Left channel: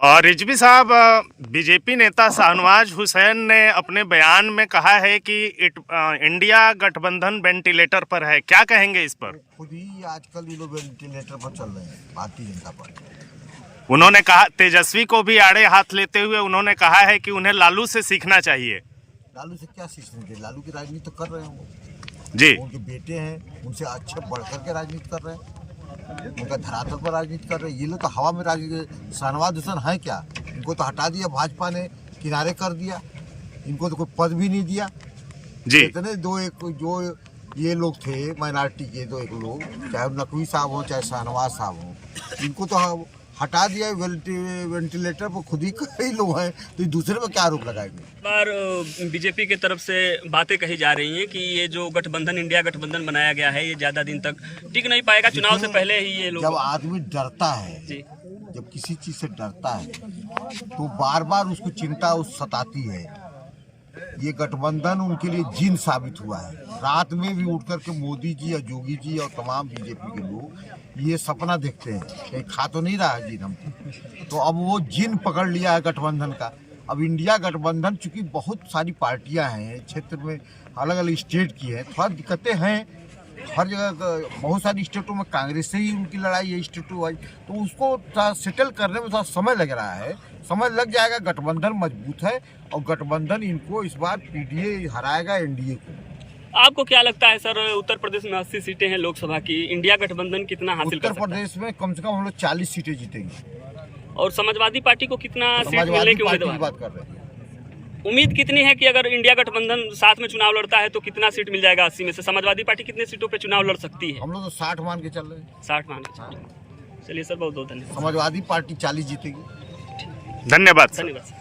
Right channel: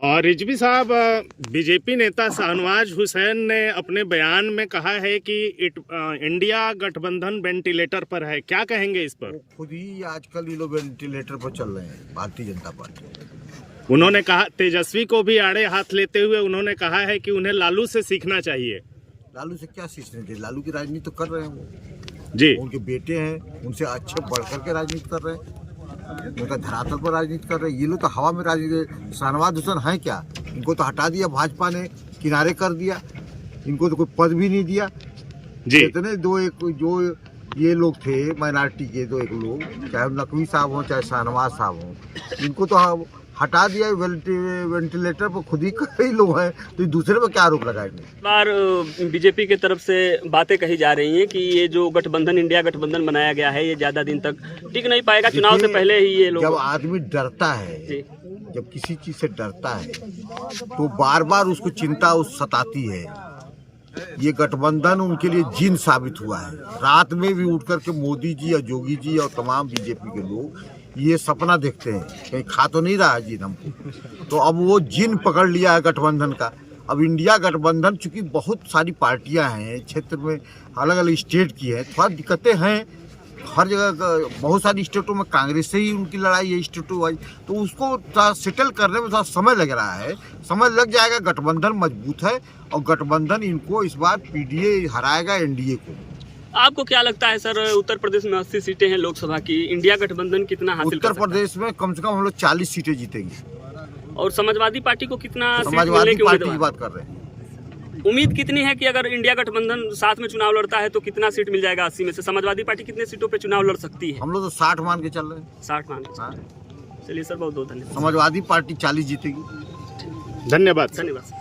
और रिजवी साहब, बीजेपी नेता शाहनवाज हुसैन ने अपने बयान में कहा है कि इंडिया गठबंधन वेंटिलेटर पर है, क्या कहेंगे इस पर? खुद ही आजकल ये लोग वेंटिलेटर पर चल रहे हैं, भारतीय जनता पार्टी। उन्होंने कहा, तेजस्वी को भी आड़े हाथ लेते हुए उन्होंने कहा है कि उन्हें लालू से सीखना चाहिए। लालू से क्या सीखने चाहिए? लालू की राजनीति तो कर रहे हैं वो जी। उनके बेटे हैं, उनसे अच्छे बढ़कर के राजनीति कर रहे हैं, उनका धरातल पर राजनीति कर रहे हैं। ये लोग तो हवा में राजनीति। शाहनवाज हुसैन है क्या? इनको तो हटा दिया, भाजपा ने किनारे कर दिया, इनको तो कोई पद भी नहीं दिया जी। इतने जो ये लोग थे माइनॉरिटी के, दो एक लोग, चाहे नकवी साहब हो चाहे शाहनवाज साहब हो, इनको तो हटा दिया वेंटिलेटर पर। खुद ही कई लोग हैं तो दूसरे पर क्या आरोप लगाएंगे? बार बीजेपी के तरफ से बातें कही जा रही हैं कि ये जो गठबंधन, इंडिया गठबंधन बनाया गया है, ये ज्यादा दिन तक टिक नहीं पाएगा, चुनाव से पहले ही ये लोग। जब आदमी डरता है, जब किसी चीज से डरता है तो बार बार उसको चिंता सताती है। ये गठबंधन उनके लिए जिन साबित हुआ है। रात में भी उठ करके मोदी जी और योगी जी और तमाम बीजेपी के लोग ये सपना देखते हैं, कहीं खा तो नहीं रहा है जिन हमको। तो अब वो जिन पकड़ लिया है गठबंधन का। अब इंडिया गठबंधन, चूंकि बहुत सारी पार्टियां हैं क्षेत्र में, अलग अलग स्टेट की है, थोड़ा दिक्कतें हैं हर जगह। बहुत सारी स्टेटों में कांग्रेस से ही उनकी लड़ाई है स्टेटों वाइज, तो उसको थोड़ा सेटल करने में थोड़ा समय लग रहा है। समय लग जाएगा। गठबंधन मजबूत है और गठबंधन इनको इस बार पीडीए हराएगा एनडीए को। आपको क्या लगता है सर, उत्तर प्रदेश में 80 सीटें हैं लोकसभा की, इंडिया गठबंधन कितना हासिल कर सकता है? उत्तर प्रदेश में कम से कम हम लोग 40 सीटें जीतेंगे। और समाजवादी पार्टी को कितना सीट मिलने समाजवादी की पार्टी की उम्मीद बात कर रहे हैं। उम्मीद कितनी है कि अगर इंडिया गठबंधन साथ में चुनाव लड़ता है तो कितना सीट मिल जाएगा? 80 में से समाजवादी पार्टी कितने सीटों पे चुनाव लड़ सकती है? हम लोग तो 60 मान के चल रहे हैं। 60 मान के। हाँ। चलिए सर, बहुत बहुत धन्यवाद। समाजवादी पार्टी 40 जीतेगी। धन्यवाद। धन्यवाद।